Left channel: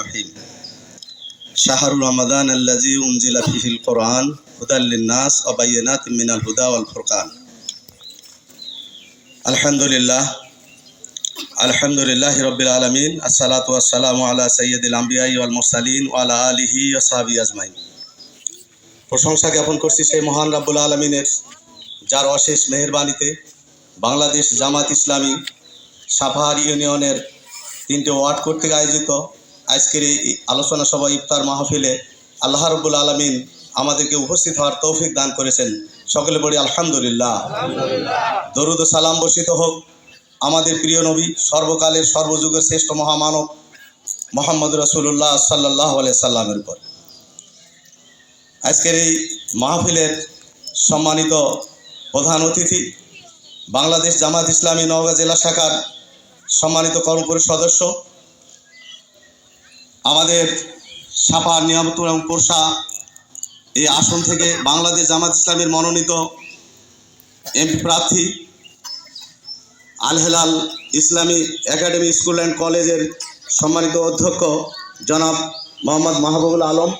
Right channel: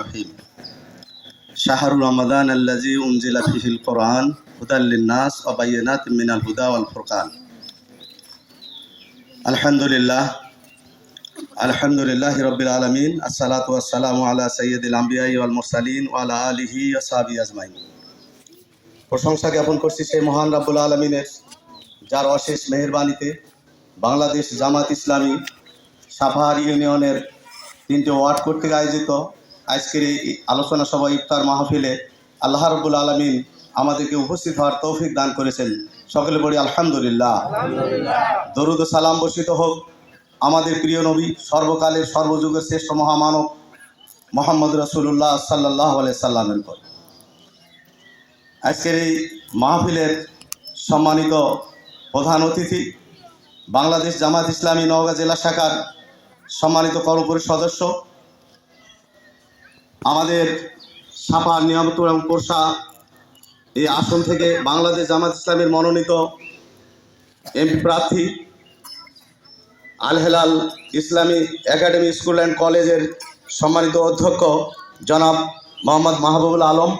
রহিম শাহরু রমাদান আল্লাযী উনজিলা ফীহিল কুরআন হুদাল লিন-নাস ওয়া বায়িনাতিন মিনাল হুদা ওয়াল ফুরকান। আলহামদুলিল্লাহি রাব্বিল আলামিন। আসসালাতু ওয়াসসালামু আলা সাইয়্যিদিল আমবিয়াই ওয়াল মুরসালিন ওয়া আলা আলিহি ওয়া সাহবিহি আজমাইন। প্রশংসা জ্ঞাপন করছি সেই মহান রব্বুল আলামিনের, যার অশেষ মেহেরবানিতে বাংলাদেশ জামাত ইসলামী সাভার ইউনিয়নের 3টে ওয়ার্ড কর্তৃক আয়োজিত আজকের এই আলোচনা সভা ইফতার মাহফিলে আল্লাহ রাব্বুল আলামিন আমাদেরকে উপস্থিত হওয়ার তৌফিক দান করেছেন। সকলে বলি আলহামদুলিল্লাহ। দরুদ ও সালাম বর্ষিত হোক আমাদের প্রিয় নবী, সর্বকালের সর্বযুগের শ্রেষ্ঠ মহামানব মুহাম্মদ রাসূলুল্লাহ সাল্লাল্লাহু আলাইহি সাল্লামের উপর। আজকের এই মাহফিলের সম্মানিত প্রধান অতিথি, বাংলাদেশ জামাত ইসলামী নওগাঁ জেলা শাখার সম্মানিত কর্মপরিষদ সদস্য, আমাদের সাভার নিয়ামতপুর এবং পোরশা এই আসন থেকে বাংলাদেশ জামাত ইসলামের মনোনীত এমপি প্রার্থী, আল হেলাল ইসলামী একাডেমি স্কুল অ্যান্ড কলেজের সম্মানিত অধ্যক্ষ জনাব মোহাম্মদ মাহবুবুল আলম,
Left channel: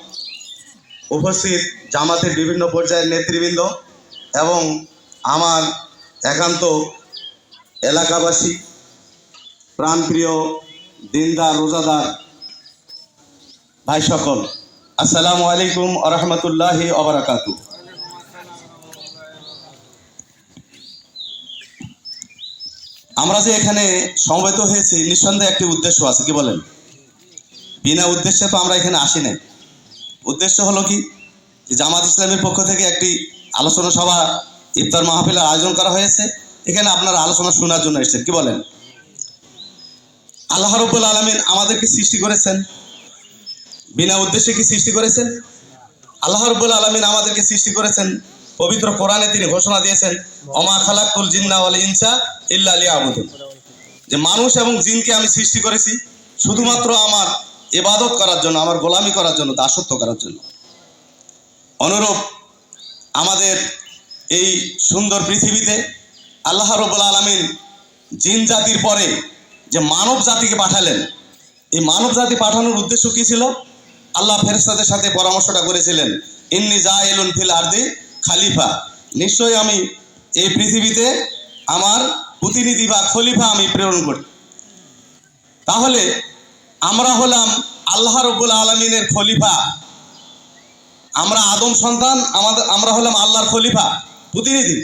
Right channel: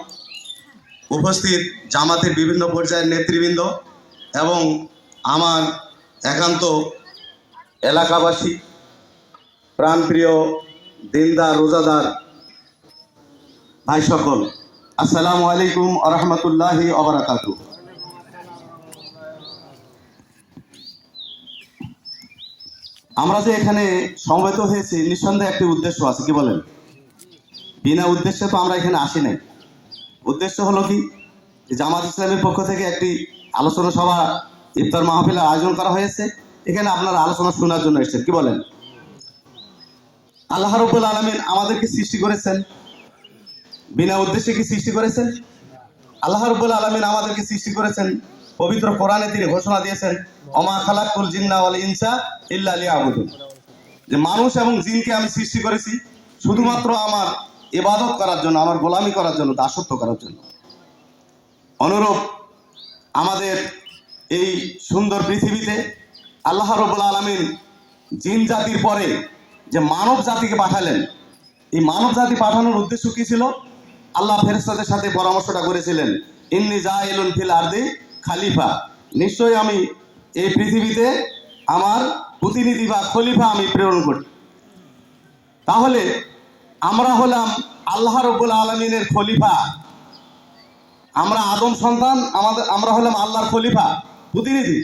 উপস্থিত জামাতের বিভিন্ন পর্যায়ের নেতৃবৃন্দ এবং আমার একান্ত এলাকাবাসী, প্রাণপ্রিয় দিনদার রোজাদার ভাই সকল, আসসালামু আলাইকুম ওয়া রাহমাতুল্লাহি ওয়া বারাকাতুহু। আমরা যে এখানে সমবেত হয়েছি নিঃসন্দেহে একটি উদ্দেশ্য আছে, কি বলেন? বিনা উদ্দেশ্যে তো আমরা এখানে আসি নাই। উদ্দেশ্য হলো কি, জামাত ইসলামের পক্ষ থেকে একটি আলোচনা সভা ইফতার মাহফিলের আয়োজন করা হয়েছে। এখানে আপনারা আলোচনা শোনার জন্য এসেছেন, কি বলেন? আল্লাহ রাব্বুল আলামিন আমাদেরকে সৃষ্টি করেছেন, বিনা উদ্দেশ্যে কি সৃষ্টি করেছেন? আল্লাহ রাব্বুল আলামিন আমাদেরকে সৃষ্টি করেছেন। পবিত্র কোরআনে তিনি ঘোষণা দিয়েছেন, ওমা খালাকতুল জিন্না ওয়াল ইনসা ইল্লা লিয়াবুদুন, যে মানুষ এবং জিনকে আমি সৃষ্টি করেছি শুধুমাত্র আমার ইবাদত করার জন্য, আমার গোলামি করার জন্য, দাসত্ব করার জন্য। অনুরূপ আমাদের এই সুন্দর পৃথিবীতে আল্লাহ রাব্বুল আলামিন জিন জাতির পরে যে মানব জাতিকে পাঠালেন, এই মানব জাতি পাঠানোর উদ্দেশ্য কি ছিল? আল্লাহ ফেরেশতাদের সাথে পরামর্শটা করেছিলেন, ইন্নী জাইলুন ফিল আরদি খালিফা, নিশ্চয়ই আমি এই পৃথিবীতে আমার প্রতিনিধি বা খলিফা আমি প্রেরণ করি। তাহলে আমরা হলাম আল্লাহ রাব্বুল আলামিনের খলিফা, আমরা আদম সন্তান, আমরা হলাম আল্লাহর খলিফা, প্রতিনিধি।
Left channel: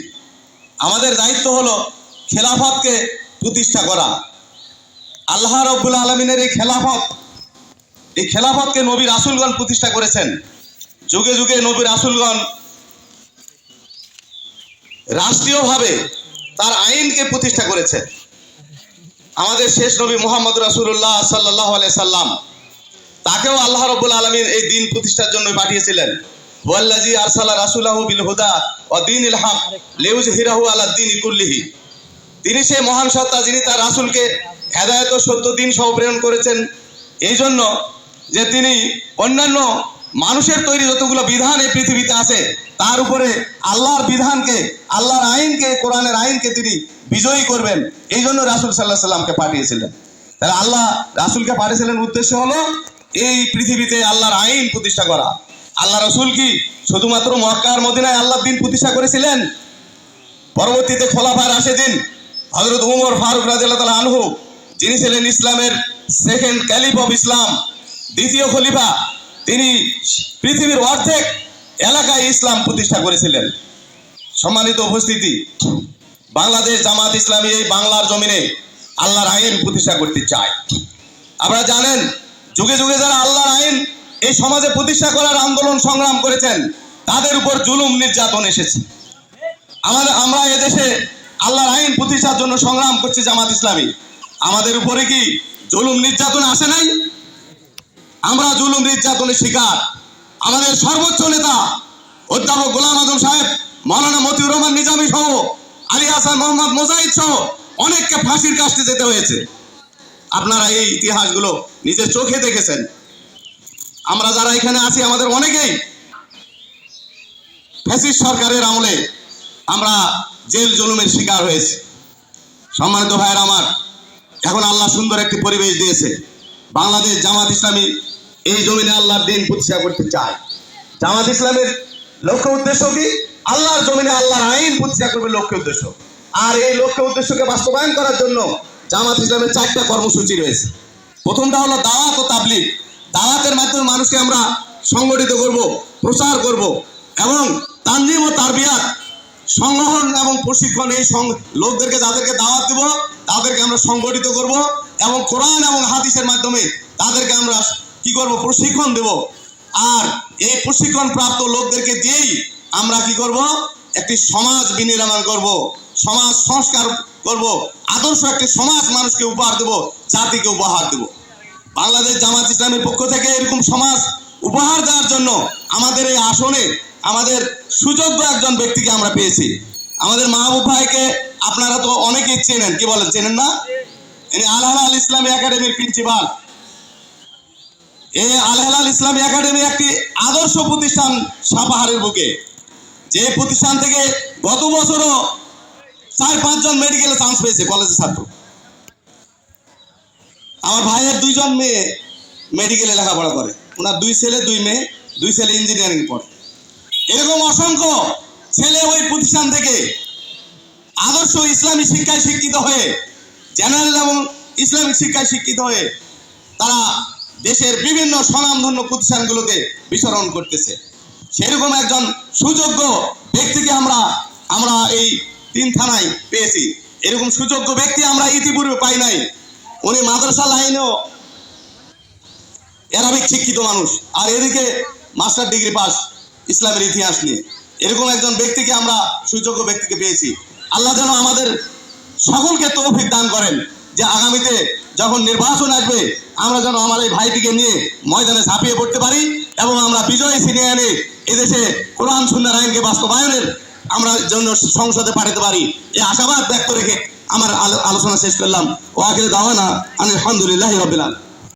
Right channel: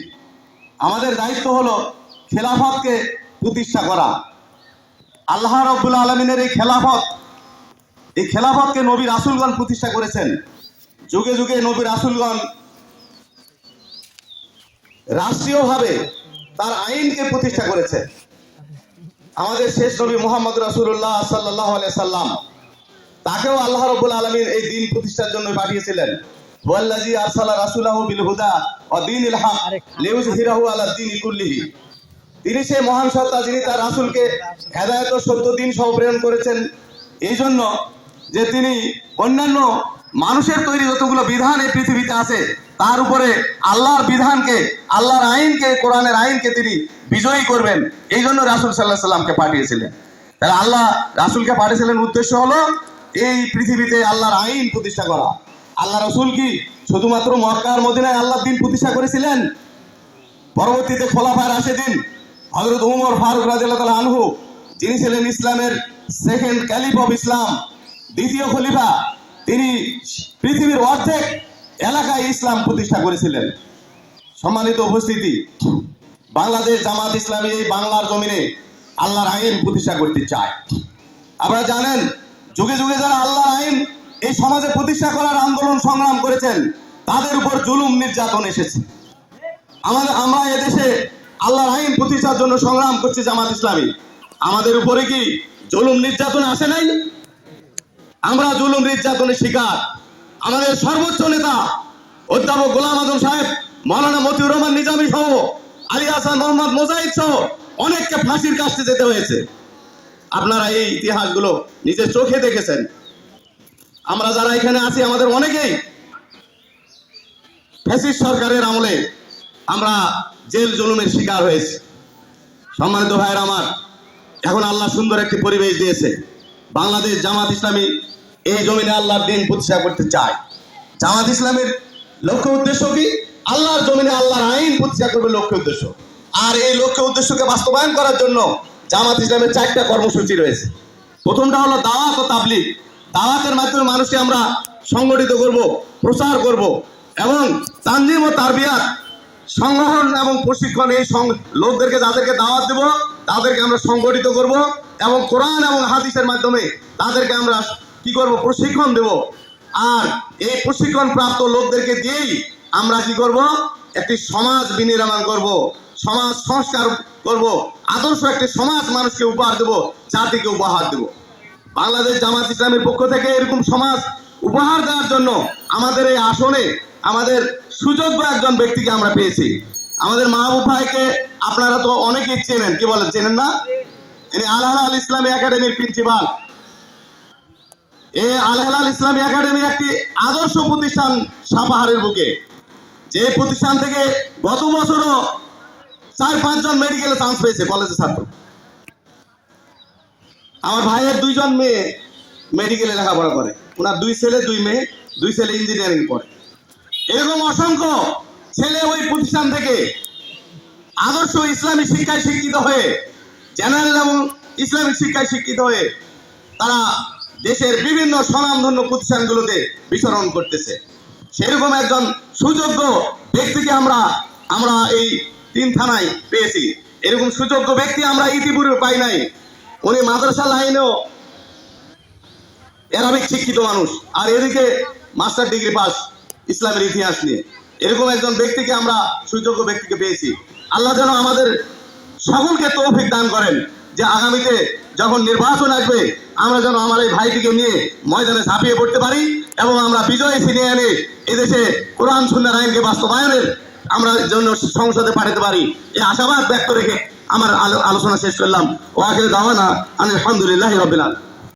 আমাদের দায়িত্ব হলো খেলাফতকে প্রতিষ্ঠা করা। আল্লাহ রাব্বুল আলামিনের এই খেলাফতকে নবী রাসূলগণ প্রতিষ্ঠা করেছেন। যুগে যুগে নবী রাসূলগণ রাষ্ট্রীয়ভাবে তার আইনকে প্রতিষ্ঠা করেছেন। আমাদের শেষ নবী মুহাম্মদ রাসূলুল্লাহ সাল্লাল্লাহু আলাইহি সাল্লাম, তাকেও আল্লাহ রাব্বুল আলামিন এই দিন প্রতিষ্ঠার জন্য পাঠিয়েছিলেন। ওয়াল্লাযী আরসালা রাসূলাহু বিল হুদা ওয়া দীনিল হক লিইয়ুযহিরাহু আলাদ দীনি কুল্লিহি, তিনি সেই মহান সত্তা যিনি তার রাসূলকে হেদায়েত ও সত্য দিন সহ প্রেরণ করেছেন, এই জন্য যে তিনি অন্যান্য মানুষের তৈরি যতগুলো বিধান এই পৃথিবীতে আছে তার উপরে আল্লাহর বিধানকে, আল্লাহর আইনকে, কোরআনের আইনকে তিনি বিজয়ী করবেন। এই জন্য রাসূল সাল্লাল্লাহু আলাইহি সাল্লামকে পাঠিয়েছিলেন। তাহলে আল্লাহ রাসূলকে পাঠিয়েছিলেন, উদ্দেশ্য হলো এই পৃথিবীতে আল্লাহর আইন প্রতিষ্ঠা করা। আল্লাহ রাসূল কি শুধুমাত্র মক্কা আর মদিনায় আল্লাহর দিন প্রতিষ্ঠা করেছিলেন? পরবর্তীতে খোলাফায়ে রাশিদিন হযরত ওমর ফারুক রাদিয়াল্লাহু তাআলা আনহু, যিনি ছিলেন ইসলামের সেকেন্ড ক্যালিফ অফ ইসলাম, দ্বিতীয় খলিফা, তিনি পৃথিবীর অর্ধেক এলাকায় ইসলাম প্রতিষ্ঠা করেছিলেন। সম্মানিত উপস্থিতি, বাংলাদেশ জামাত ইসলামী এই বাংলার জমিনে আল্লাহর আইন প্রতিষ্ঠা করতে চায়। আপনারা জানেন, যুগে যুগে যারা আল্লাহর আইন এই সমাজে প্রতিষ্ঠা করার আন্দোলন সংগ্রাম করেছেন, তাদের উপর জুলুম নির্যাতন এসেছে। আমরা এদেশে আল্লাহর আইন প্রতিষ্ঠার জন্য সংগ্রাম করছি জামাত ইসলামী, আমাদের উপরে কি জুলুম নির্যাতন আসে নাই? আমরা জুলুম নির্যাতনের শিকার। আমাদের সর্বোচ্চ নেতা অধ্যাপক গোলাম আজম সাহেব, মাওলানা মতিউর রহমান নিজামী সহ, আলী হাসান মোহাম্মদ মোজাহিদ সহ অনেককে ফাঁসির কাস্টে যেতে হয়েছে। আপনারা এই ইতিহাসগুলো নিজের চোখে দেখেছেন। আমরা যারা এখানে আছি আমাদের অনেকেই ফ্যাসিস্ট সরকারের আমলে আমরা জেল জুলুমের শিকার হয়েছি। সম্মানিত ভাইয়েরা আমার, এখন আল্লাহ সুন্দর একটি পরিবেশ দিয়েছে। বাংলাদেশ জামাত ইসলামী এই জমিনে আল্লাহর দিন প্রতিষ্ঠা করতে চায়। জামাত ইসলামের লক্ষ্য উদ্দেশ্য কি? আল্লাহর জমিনে আল্লাহর আইন প্রতিষ্ঠা করবে লক্ষ্য উদ্দেশ্য। আর এই লক্ষ্য উদ্দেশ্যকে বাস্তবায়ন করার জন্য জামাত ইসলামের 4টা কর্মসূচি রয়েছে। প্রথমটা হলো দাওয়াত ও তাবলীগ। দাওয়াতের মাধ্যমে মানুষকে আমরা সংগঠিত করব, প্রচার করব এবং তানজিম ও তারবিয়াত, সংগঠন এবং প্রশিক্ষণ, এই লোকদেরকে যাদেরকে দাওয়াত দেব তাদেরকে আমরা সংগঠিত করব এবং কোরআন এবং হাদিসের মাধ্যমে তাদেরকে আমরা কি করব? প্রশিক্ষণ দেব। আর এই প্রশিক্ষণ প্রাপ্ত লোকদেরকে দিয়েই আমরা কি করব? একটি সমাজ বিনির্মাণ করব, সমাজ সংস্কার করব, আদর্শ একটি সমাজ মানুষকে উপহার দেব, জাতিকে উপহার দেব। বাংলাদেশ জামাত ইসলামের পক্ষ থেকে এরকম সমাজ উপহার দেওয়ার জন্য আমাদের এই আসনে আমাদের সুযোগ্য একজন ব্যক্তিকে আমরা পেয়েছি। আমাদের মাহবুব ভাইকে আপনারা তো অনেকেই চেনেন, কি বলেন, চেনেন না? ইনি আল হেলাল ইসলামী একাডেমির প্রিন্সিপাল। এই আল হেলাল ইসলামী একাডেমি একটি আদর্শ প্রতিষ্ঠান সাপাহারের বুকে, যে প্রতিষ্ঠান থেকে গত বছরও 4-5 জন মেডিকেলে চান্স পেয়েছে কলেজের ছাত্র। আমার ভাইয়ের 2 জন মেয়ে মেডিকেলে লেখাপড়া করে, ওনার 2 ছেলে 2 মেয়ে, 2 ছেলে ইঞ্জিনিয়ারিং পড়ে। এরকম অসংখ্য ছেলে ওই প্রতিষ্ঠান থেকে আদর্শ ইসলামী শিক্ষায় শিক্ষিত হয়ে, জেনারেল এবং ইসলামিক শিক্ষায় শিক্ষিত হয়ে তারা দেশের বিভিন্ন স্বনামধন্য প্রতিষ্ঠানগুলোতে বিচরণ করতেছে। সেরকম একজন সুযোগ্য ব্যক্তিকে আমরা এই 3 থানায় পেয়েছি। এরকম সুযোগ্য ব্যক্তি আমরা ইতিপূর্বে পাই নাই। উনি মাদ্রাসা লাইনেও অ্যারাবিক শিক্ষিত মানুষ, আর এদিকে মাস্টার ডিগ্রি পাস ইসলামের ইতিহাস নিয়ে। এরকম একজন ব্যক্তিকে আমরা সুযোগ্য ব্যক্তিকে পেয়েছি। আল্লাহ যেন আমাদের সকলকে তৌফিক দান করেন যে আগামীতে যখন নির্বাচন আসবে আমরা যেন আমার এই ভাইটিকে নিয়ে ময়দানে ঝাঁপিয়ে পড়তে পারি এবং আমরা বিজয় ছিনিয়ে এনে এদেশে কোরআন সুন্নাহর আইনকে বাস্তবায়নের আমরা জন্য সংসদে পাঠাতে পারি, এই আশাবাদ ব্যক্ত রেখে আমার আলোচনা শেষ করলাম। ওয়া আখিরু দাওয়ানা আলহামদুলিল্লাহি রাব্বিল আলামিন।